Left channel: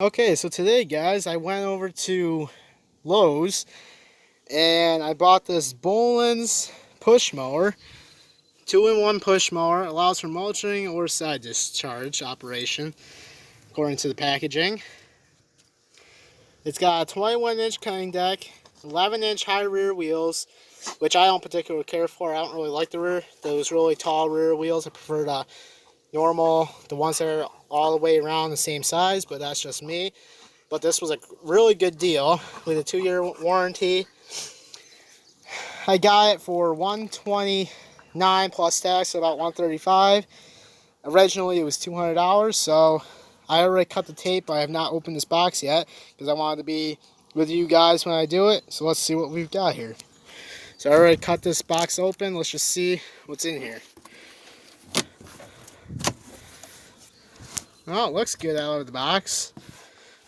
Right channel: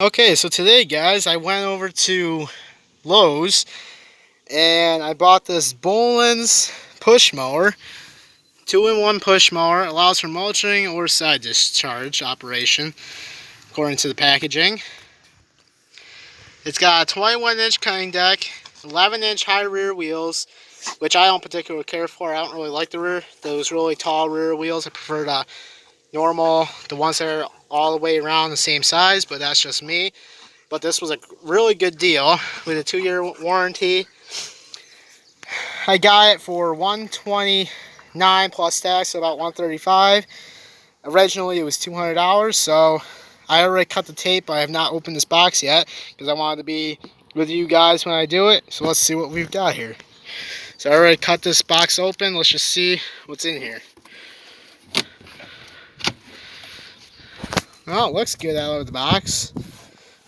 Okay, so today, guys, I went over to Lowe's and I bought this Bolens push mower. Two-in-one push mower. Allows for mulching or side discharge operation, according to the packaging. It's got a 21-inch cutting deck, 11-inch high rear wheels, which I don't particularly care for. I don't really like those really tall rear wheels. I prefer the normal, the ones that are all the way around the same size, but that's just me. But this was a really good deal with a 2-year warranty. I got it for $129 plus tax, so about $135. Originally it was $200, so I already cut the tape, but I have not opened this box yet because I wanted to be with you guys when I do it. So let's see what we've got here. So I already cut this box open. Let's just see what's in here. Well, it looks good out of the box.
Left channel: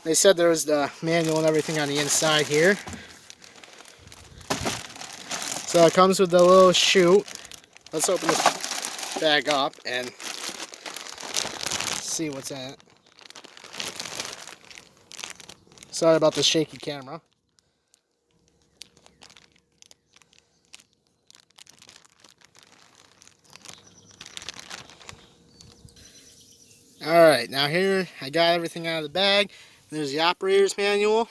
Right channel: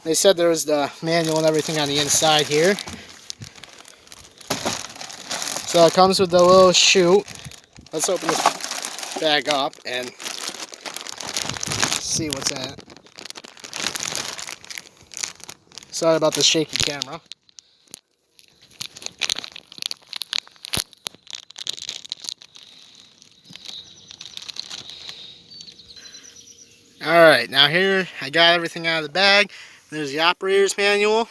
They said there was the manual and everything on the inside here. So it comes with the little chute. Let's open this bag up and see what's in it. Sorry about the shaky camera. Alright, now here I got everything out of the bag. There's the operator's manual,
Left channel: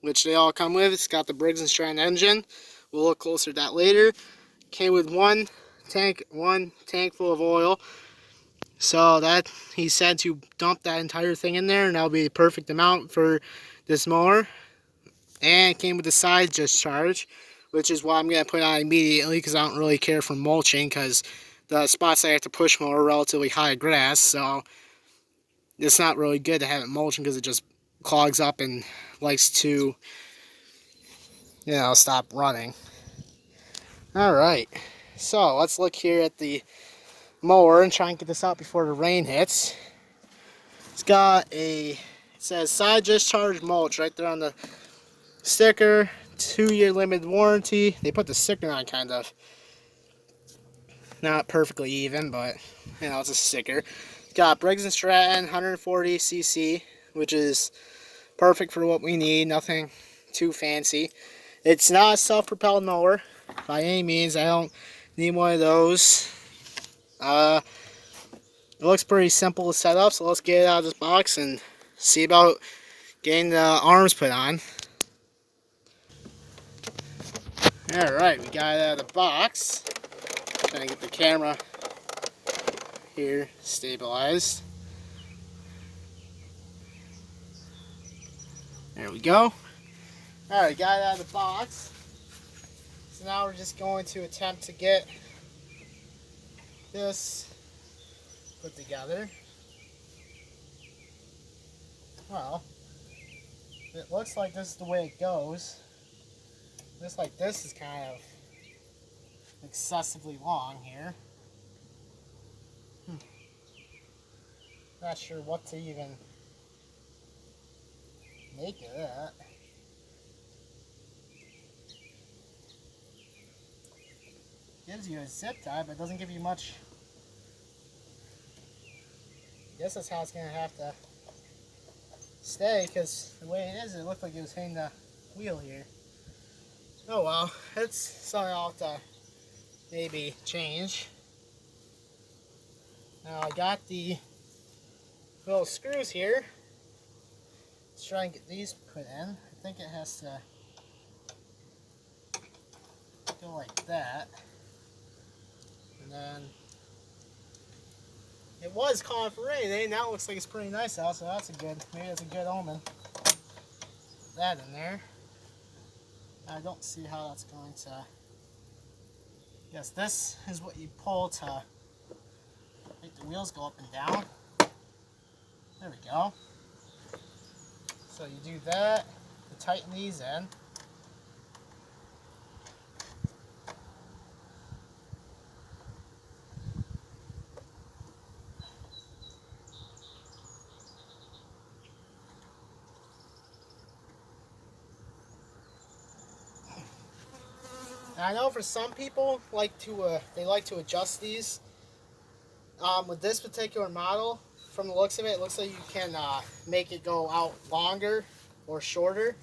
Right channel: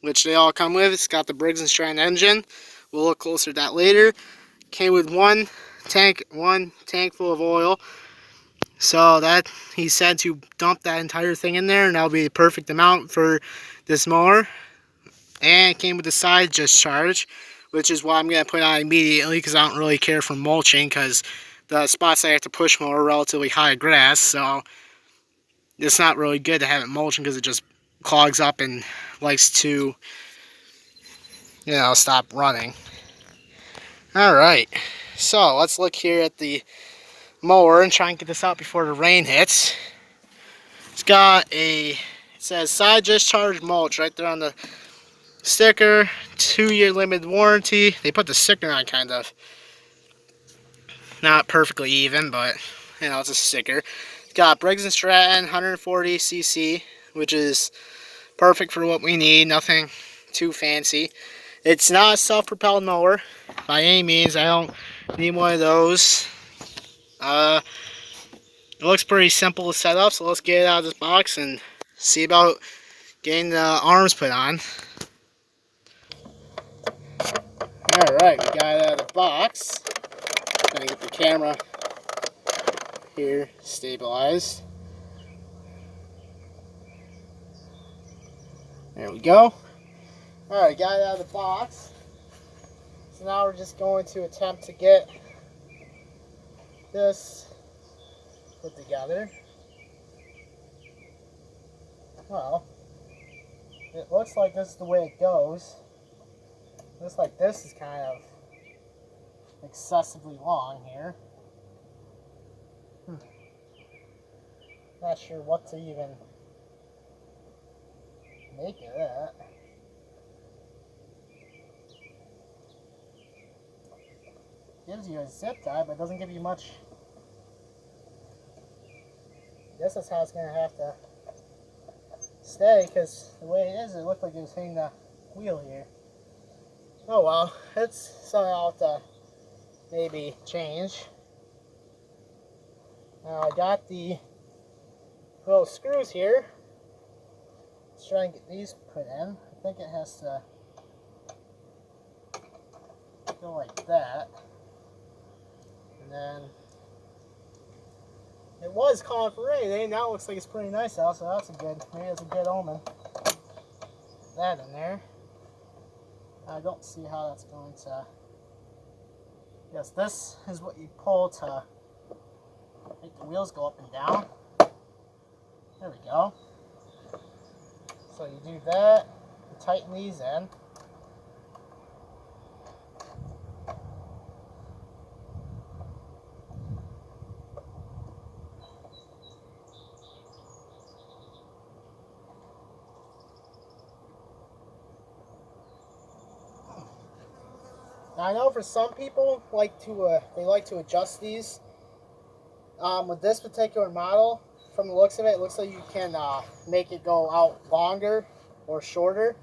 which they all come with. It's got the Briggs & Stratton engine. We'll look closer at that later. Came with one tank full of oil. So that he said to dump that entire thing in there, and that'll be the perfect amount for this mower. And it came with the side discharge, which is what I'm going to put on immediately because I don't really care for mulching because the spots I have to push mow are relatively high grass, so it's not really good to have it mulching because it just clogs up and likes to, stop running. Alright, so let's look here at the mower and try and get this out before the rain hits. It's got it says side discharge mulch right there on the sticker. 2-year limited warranty. They put the sticker on kind of not perfectly even, but it's a sticker. It's got Briggs & Stratton 140cc, which is perfect for what we need. Nothing too fancy. It's not a self-propelled mower by any means. I don't need one of those. It looks pretty simple to set up, so let's get it out of this box and see about getting the arms put on. Alright, we got it out of the box. Gonna get the camera here stabilized. There we go. Alright, got it out of the box. So now we're just going to attempt to get this put together. Well, it looks like this is the way it goes. Looks like this is kind of excessively long here. Not sure what to even make of that. Gives you a zip tie, but doesn't give you much. I guess that's how it's going to have to stay, because the way it is, it looked like it was hitting the wheel here. Oh well, it's something I'll have to maybe change. Now I got the little screws here. Let's try and get these put in. I think it has to go like that. And then it was calling for rain today. Now it looks like it's pretty nice out, so maybe it's a good omen. Put that in there. I don't see how that's going to. Yes, this is what you pull to make the wheels go up and down. There we go. So you do that, you tighten these in. Now I know for some people they like to adjust these. With this particular model, from the looks of it, it looks like you can make it go out longer or shorter.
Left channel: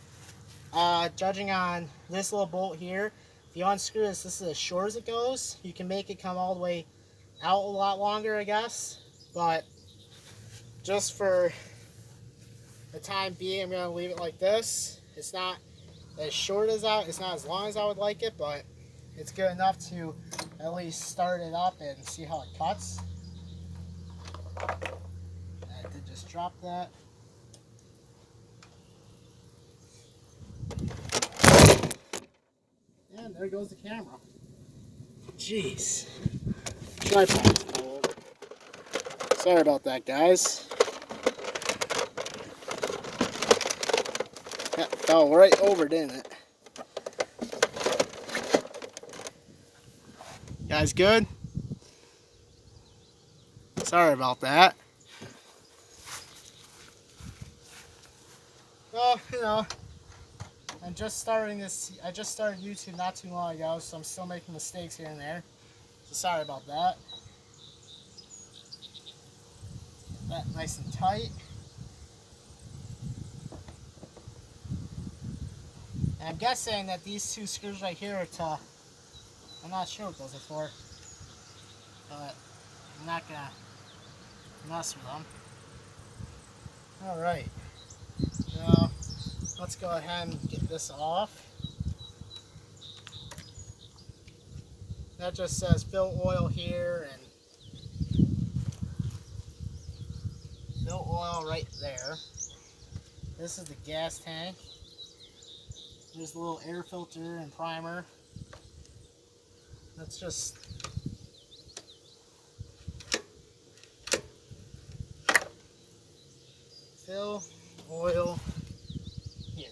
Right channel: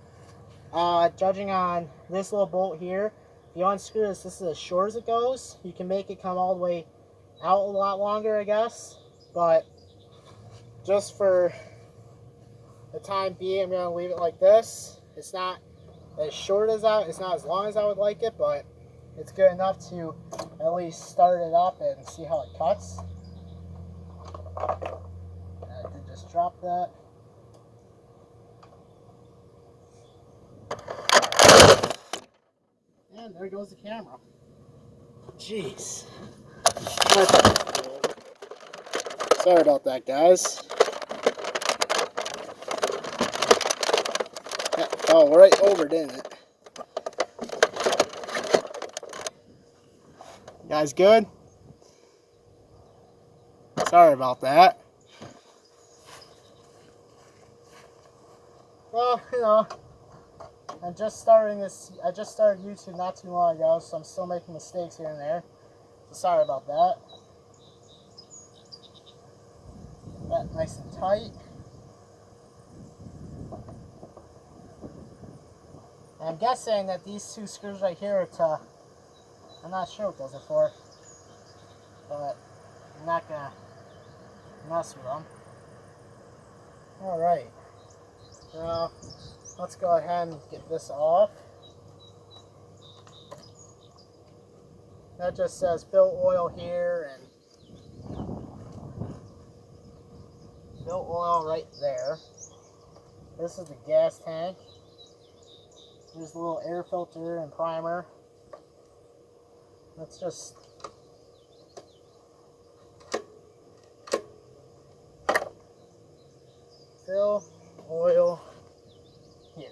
Judging on this little bolt here, if you unscrew this is as short as it goes. You can make it come all the way out a lot longer, I guess. But just for the time being, I'm going to leave it like this. It's not as short as that. It's not as long as I would like it, but it's good enough to at least start it up and see how it cuts. I did just drop that. And there goes the camera. Jeez. Sorry about that, guys. That fell right over, didn't it? Guys, good? Sorry about that. Well, you know, I'm just starting this. I just started YouTube not too long ago, so I'm still making mistakes here and there. So sorry about that. Get that nice and tight. And I'm guessing that these two screws right here are to, I'm not sure what those are for, but I'm not gonna mess with them. Alright, now let's go ahead and get this off. That just says fill oil here and fill oil right there. This is the gas tank. There's a little air filter and primer. Let's just fill oil here.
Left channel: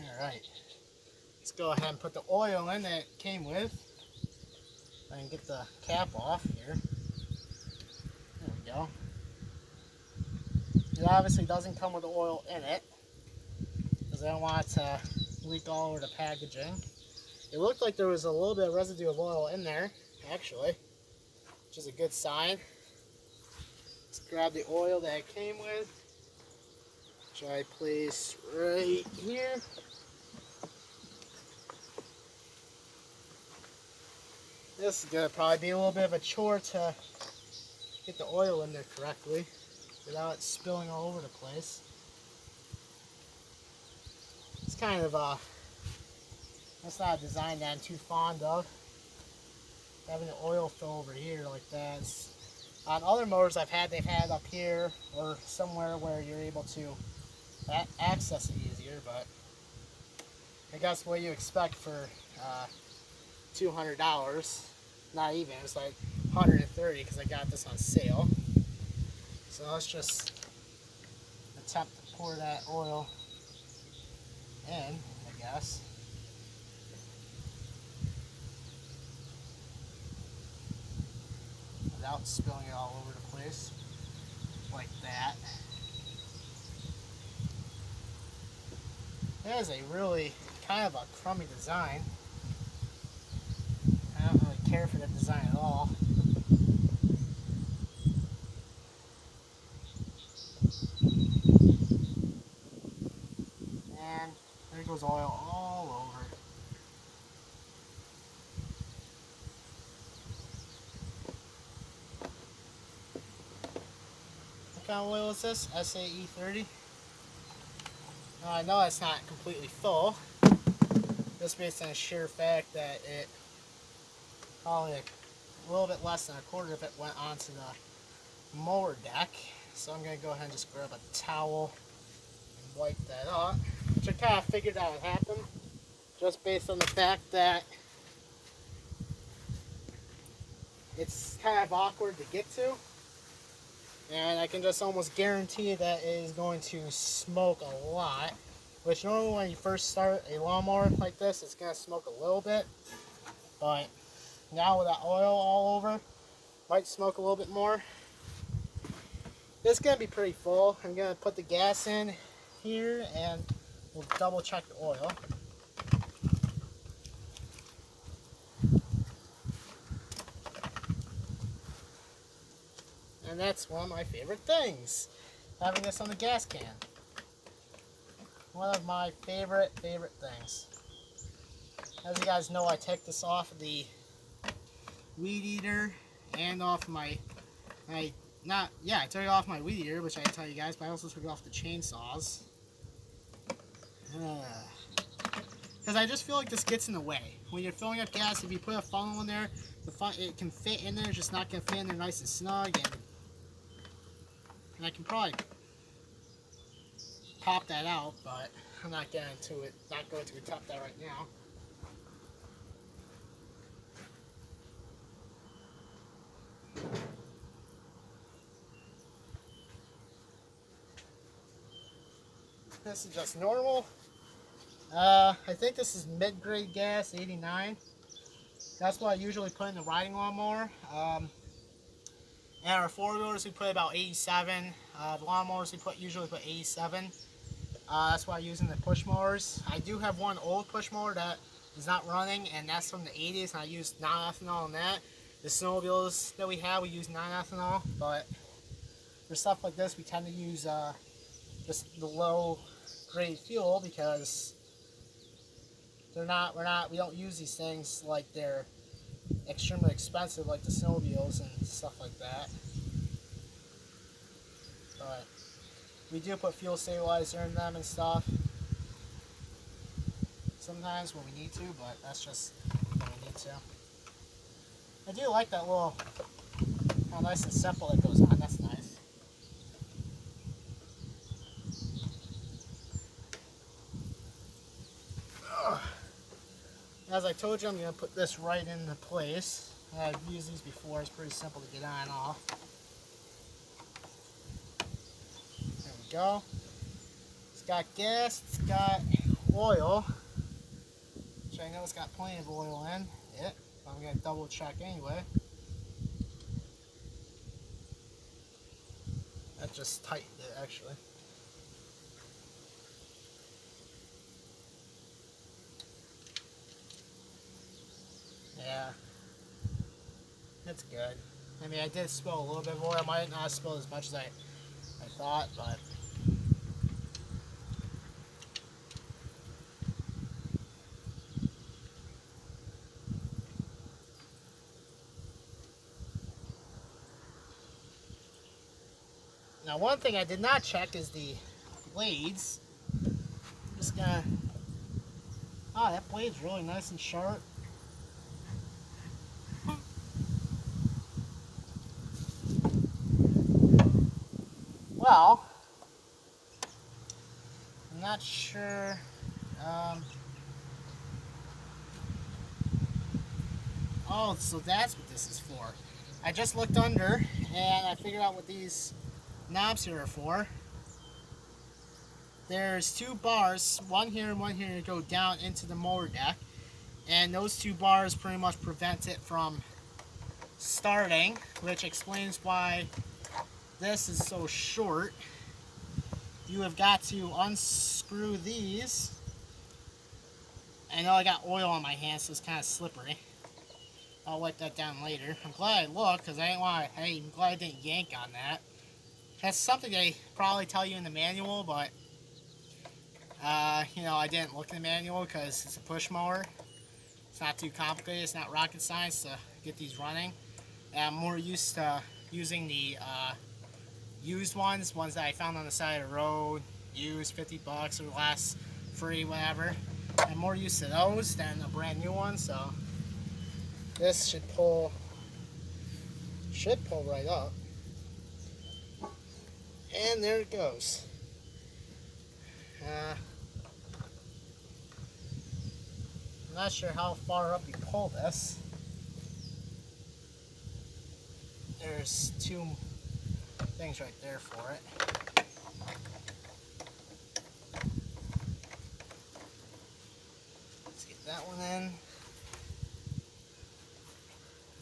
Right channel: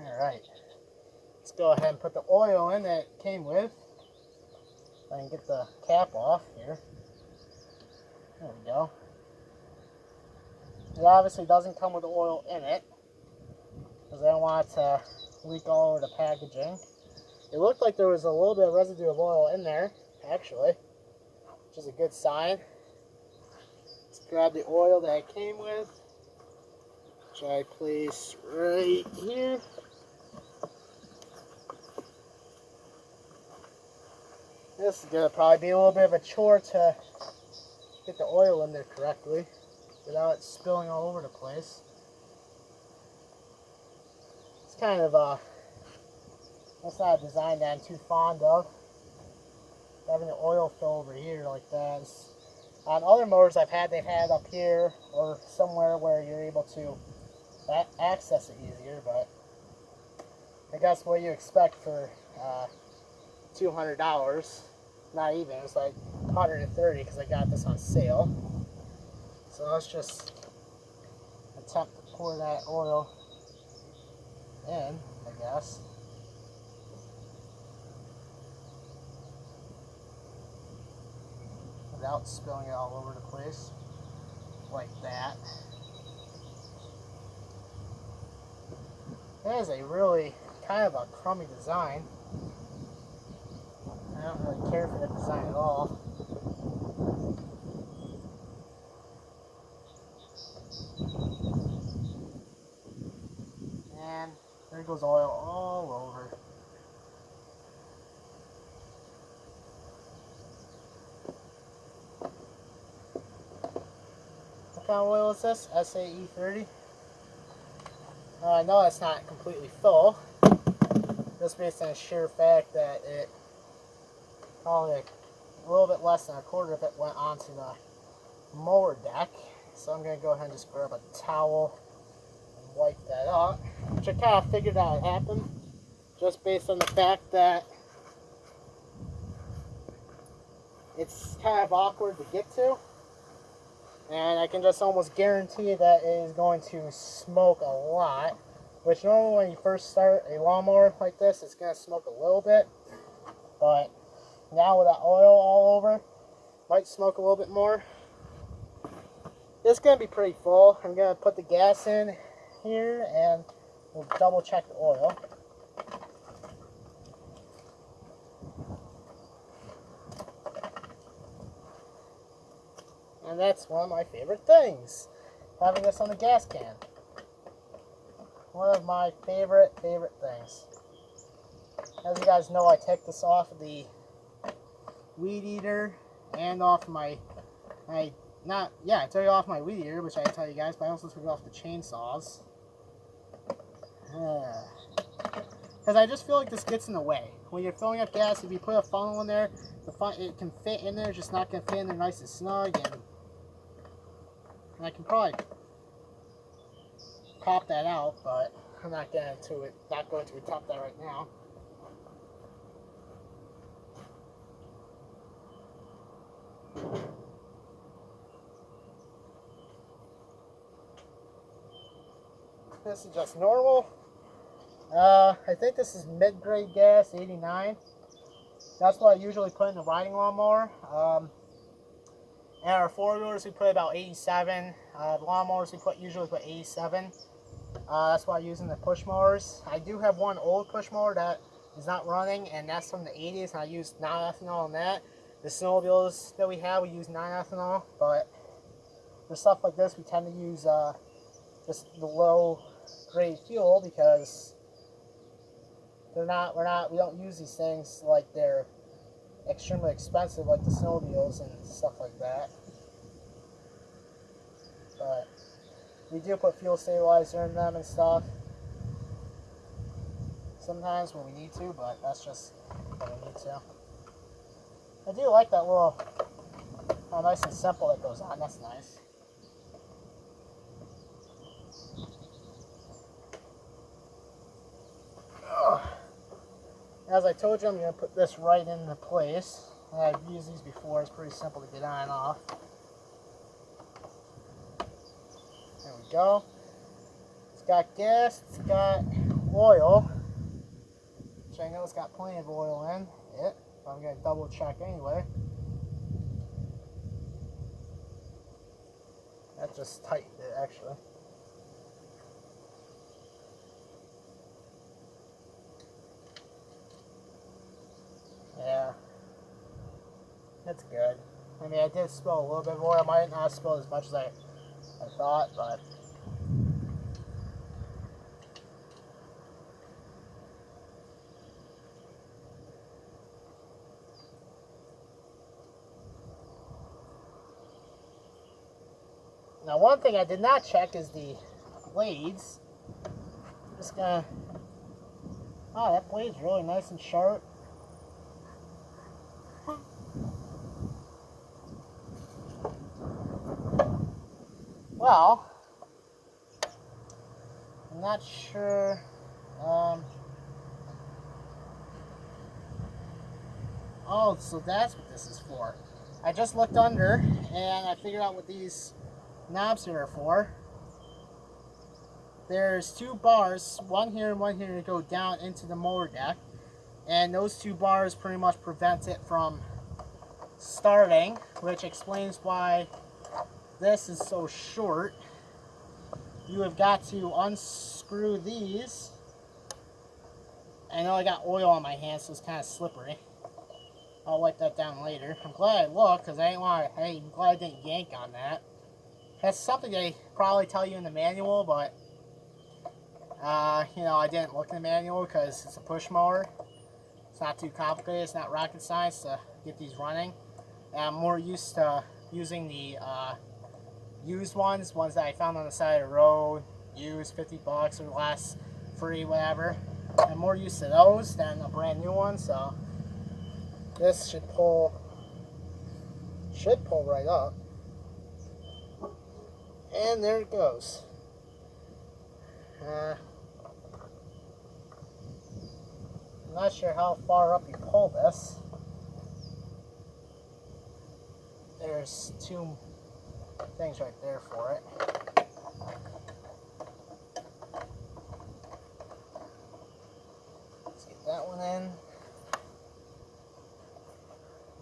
Alright. Let's go ahead and put the oil in that it came with. I can get the cap off here. There we go. It obviously doesn't come with the oil in it, because I don't want it to leak all over the packaging. It looked like there was a little bit of residue of oil in there, actually, which is a good sign. Let's grab the oil that it came with, which I place right here. This is going to probably be a little bit of a chore to get the oil in there correctly without it spilling all over the place. It's kind of that's not a design that I'm too fond of. Having the oil fill over here like that. On other mowers I've had, they've had up here or somewhere where you're able to access it easier, but I guess what you expect for $200. Not even, it's like $130 because I got this on sale. So let's just attempt to pour that oil in, I guess. Without spilling it all over the place, like that. That is a really kind of a crummy design. I don't really care for that design at all. And there goes oil all over. What kind of oil is this? SAE 30? Now I know that's not completely full, just based on the sheer fact that it probably a little bit less than a quarter of it went onto the mower deck. So I'm going to go ahead and just grab a towel and wipe that off, which I kind of figured that would happen just based on the fact that it's kind of awkward to get to, and I can just almost guarantee that it is going to smoke a lot, which normally when you first start a lawnmower like this, it's going to smoke a little bit, but now with that oil all over, might smoke a little bit more. It's going to be pretty full. I'm going to put the gas in here and we'll double check the oil. And that's one of my favorite things, having this on the gas can. One of my favorite things. As you guys know, I take this off of the weed eater and off my, I took it off my weed eater, which I tell you guys, but I also took it off the chainsaws. Because I just feel like this gets in the way. When you're filling up gas, if you put a funnel in there, it can fit in there, it's just not going to fit in there nice and snug. And I can probably pop that out, but I'm not going to top that right now. This is just normal. I think this is mid-grade gas, 89. That's what I usually put in the riding lawnmower. And our four-wheelers we put about 87. The lawnmowers we usually put 87. That's what I use in the push mowers. I do have one old push mower that is not running, and that's from the 80s, and I use non-ethanol on that. The snowmobiles that we have, we use non-ethanol, but for stuff like this, we tend to use the low-grade fuel because we don't use these things like they're extremely expensive, like the snowmobiles and stuff like that. But we do put fuel stabilizer in them and stuff sometimes when we need to, but that's just when we need to. I do like that little, how nice and simple it goes on. That's nice. As I told you, I'm going to put this right into place. I've used these before. It's pretty simple to get on and off. There we go. It's got gas. It's got oil, which I know it's got plenty of oil in it. But I'm going to double check anyway. That just tightened it, actually. Yeah, that's good. I mean, I did spill a little bit of oil. I might not spill as much as I thought, but now one thing I did not check is the blades. I'm just gonna, that blade's really nice and sharp. Well, I'm not sure. Oh, so that's what this is for. I just looked under and I figured out what these knobs here are for. There's two bars, one here and one here, to go down into the mower deck. And those two bars pretty much prevent it from starting, which explains why this is so short. You have got to unscrew these. I know I got oil on my hands, so it's kind of slippery. I'll wipe that down later. I'm glad I looked, because I'm glad I didn't yank on that. That's something they probably tell you in the manual, but you know, I didn't look in the manual because it's a push mower. It's not too complicated. It's not rocket science to get these running. And I'm more used to using the used ones that I found on the side of the road, used, 50 bucks or less, free, whatever. I'm more used to those than a brand new one, so this should pull right up. And there it goes. I'm not sure how far up you pull this. There's two things right there for it. Let's get that one in.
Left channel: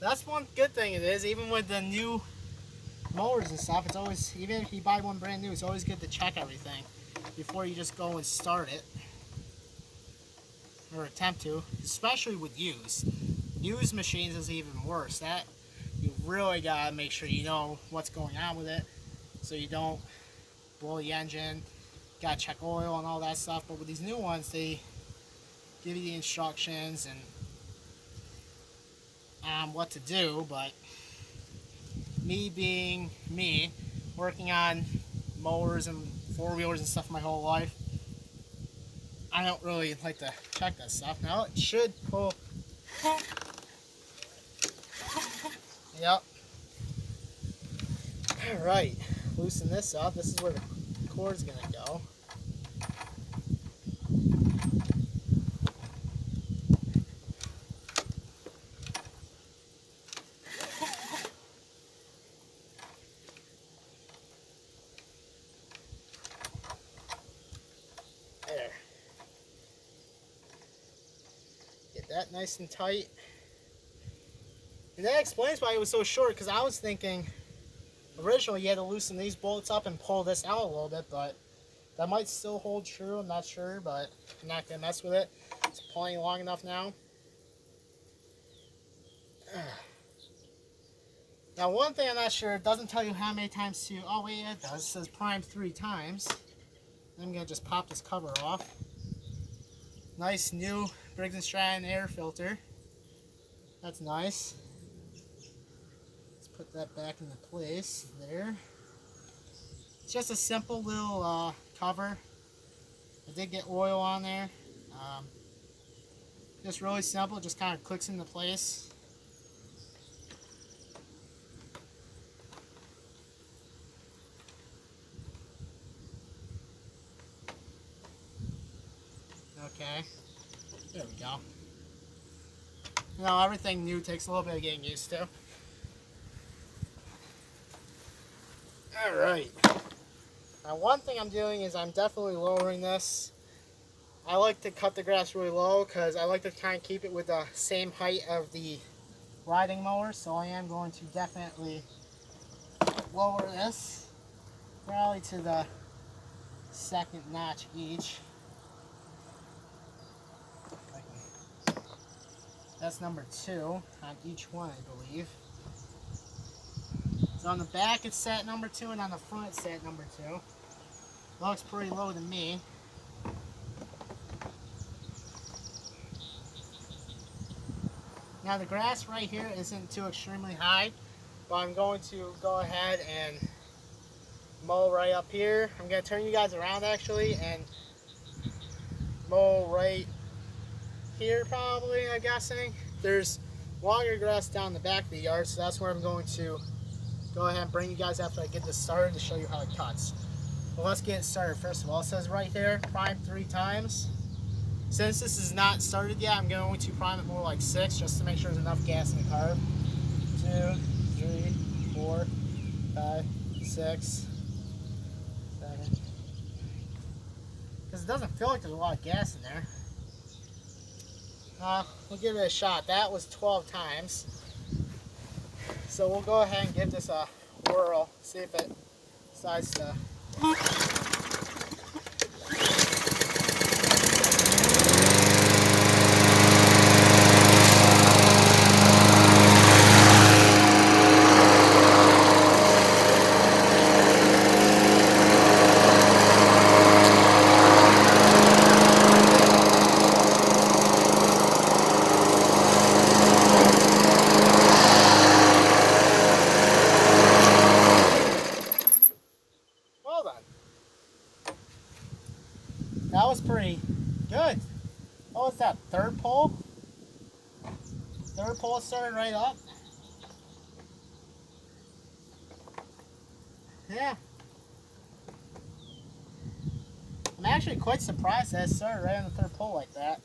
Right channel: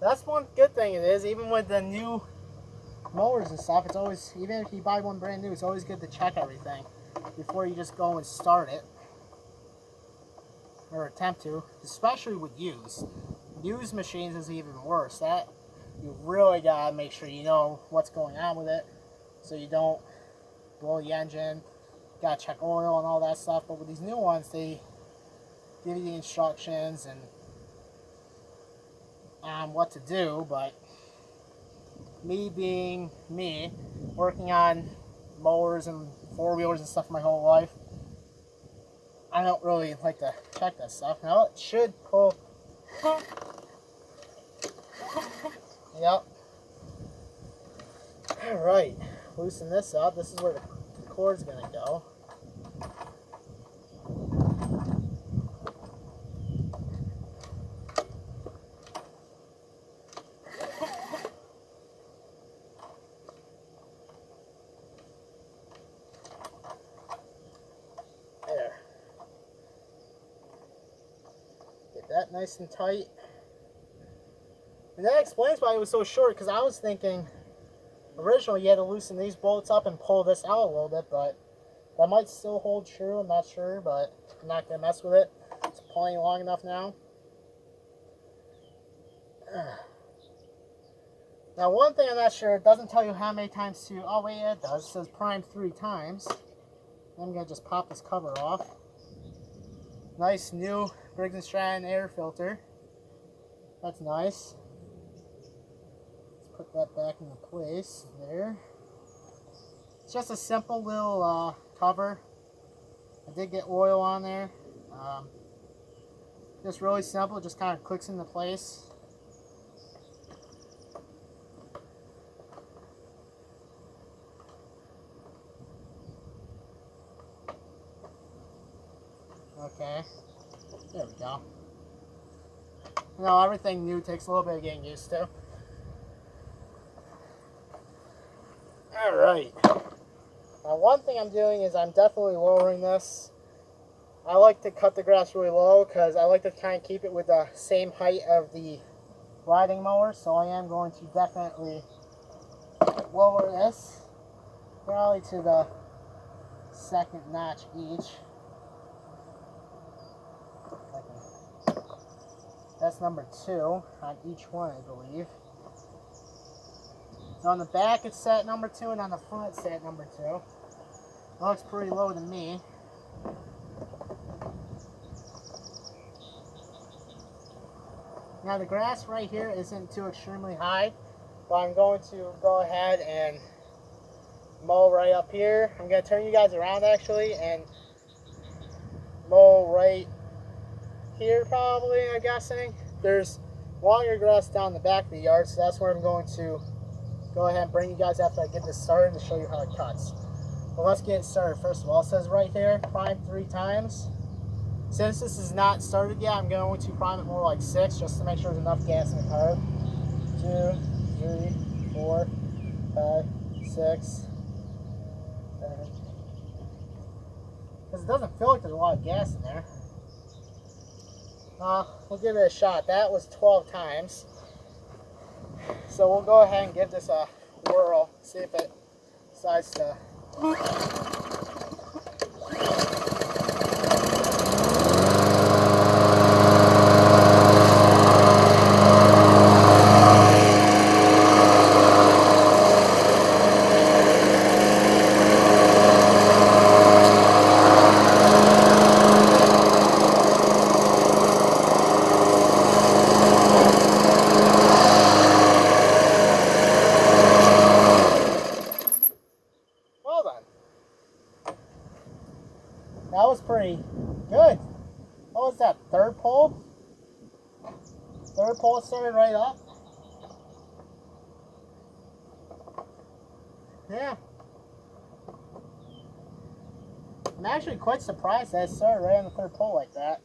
That's one good thing it is, even with the new mowers and stuff, it's always, even if you buy one brand new, it's always good to check everything before you just go and start it. Or attempt to, especially with used. Used machines is even worse. you really gotta make sure you know what's going on with it, so you don't blow the engine. Gotta check oil and all that stuff. But with these new ones, they give you the instructions and what to do. But me being me, working on mowers and four-wheelers and stuff my whole life, I don't really like to check that stuff. Now it should pull. Yep. Alright, loosen this up. This is where the cord's gonna go. There. Get that nice and tight. And that explains why it was so short, because I was thinking originally you had to loosen these bolts up and pull this out a little bit, but that might still hold true. I'm not sure, but I'm not going to mess with it. It's plenty long enough now. Now, one thing I'm not sure, it doesn't tell you how many times to, oh wait, yeah, it does. It says prime 3 times. I'm going to just pop this cover off. Nice new Briggs & Stratton air filter. That's nice. Let's put that back into place there. It's just a simple little cover. I did get oil on there. Just really simple, just kind of clicks into place. Okay, there we go. You know, everything new takes a little bit of getting used to. Alright. Now one thing I'm doing is I'm definitely lowering this. I like to cut the grass really low because I like to kind of keep it with the same height of the riding mower. So I am going to definitely lower this probably to the second notch each. That's number 2 on each one, I believe. So on the back it's set at number 2, and on the front it's set at number 2. Looks pretty low to me. Now the grass right here isn't too extremely high, but I'm going to go ahead and mow right up here. I'm going to turn you guys around actually and mow right here probably, I'm guessing. There's longer grass down the back of the yard, so that's where I'm going to go ahead and bring you guys after I get this started to show you how it cuts. But let's get it started. First of all, it says right there, prime 3 times. Since this is not started yet, I'm going to prime it more like 6 just to make sure there's enough gas in the car. 2, 3, 4, 5, 6, 7. Because it doesn't feel like there's a lot of gas in there. We'll give it a shot. That was 12 times. So we'll go ahead and give this a whirl, see if it decides to. That was pretty good. What was that, third pull? Third pull started right up. Yeah. I'm actually quite surprised that it started right on the third pull like that.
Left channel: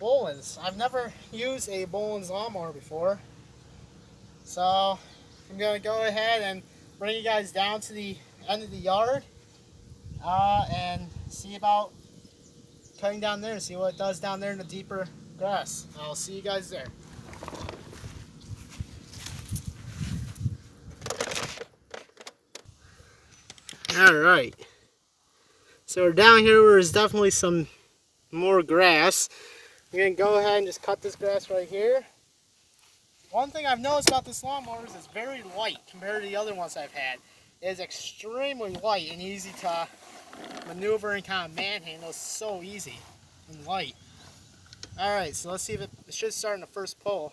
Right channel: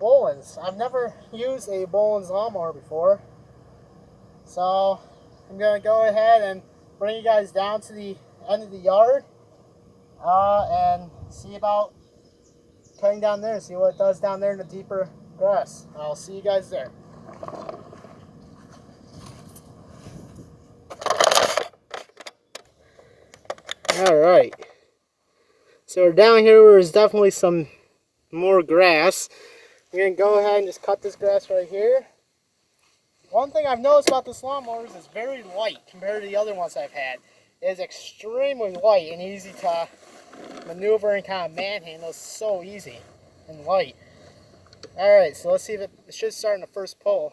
Bolens. I've never used a Bolens lawnmower before. So I'm going to go ahead and bring you guys down to the end of the yard. And see about cutting down there, see what it does down there in the deeper grass. I'll see you guys there. Alright, so we're down here where there's definitely some more grass. I'm going to go ahead and just cut this grass right here. One thing I've noticed about this lawnmower is it's very light compared to the other ones I've had. It is extremely light and easy to maneuver and kind of manhandle. It's so easy and light. Alright, so let's see if it should start in the first pull.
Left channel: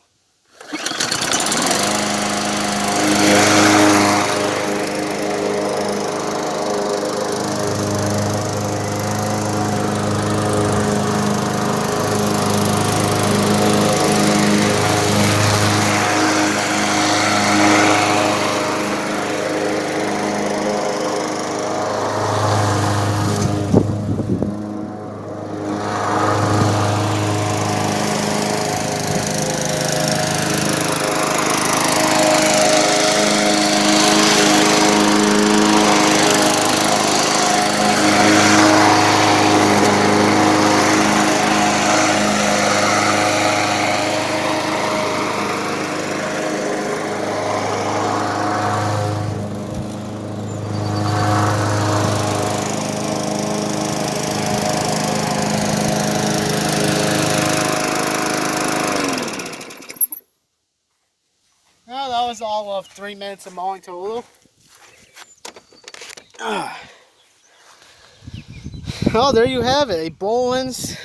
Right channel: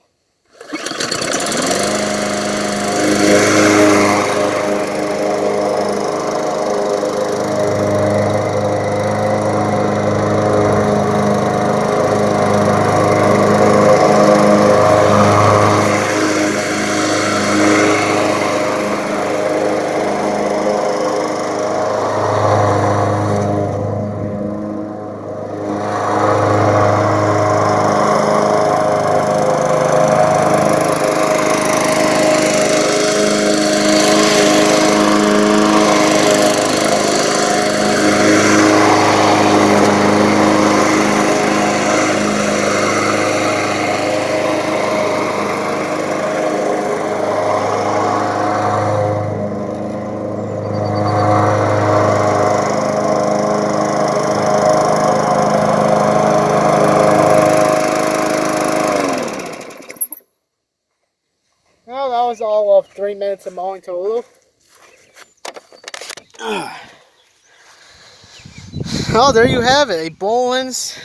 Well, that was all of 3 minutes of mowing total. Well, there you have it, a Bolens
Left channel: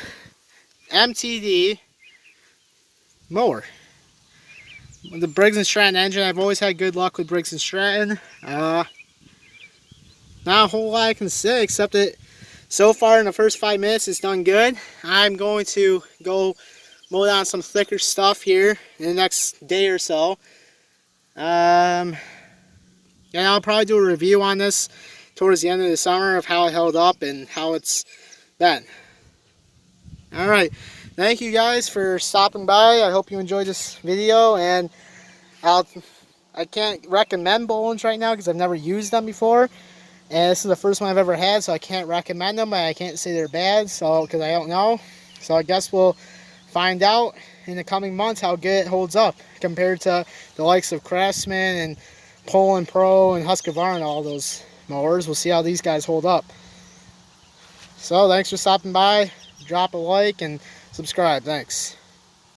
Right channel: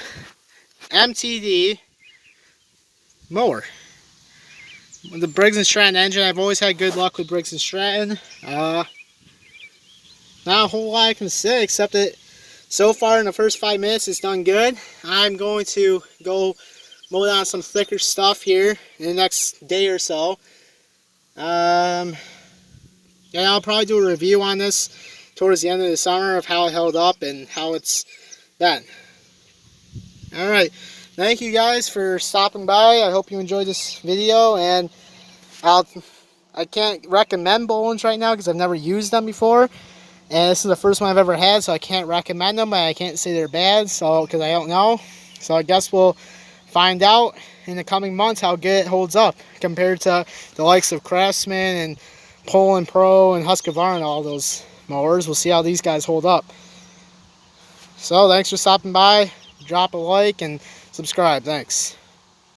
MTD mower. With the Briggs & Stratton engine, I've always had good luck with Briggs & Stratton. Not a whole lot I can say except that so far in the first 5 minutes it's done good. I'm going to go mow down some thicker stuff here in the next day or so. And I'll probably do a review on this towards the end of the summer of how it held up and how it's been. Alright, thank you guys for stopping by. I hope you enjoyed this video, and I can't recommend Bolens right now because I've never used them before. And this is the first one I've ever had, so I can't recommend them, but I can't say they're bad, so because I don't know. So I guess we'll find out in the coming months how good it holds up compared to the likes of Craftsman and Poland Pro and Husqvarna and all those mowers. We'll see how these guys hold up. So thanks for stopping by. Drop a like and subscribe. Thanks.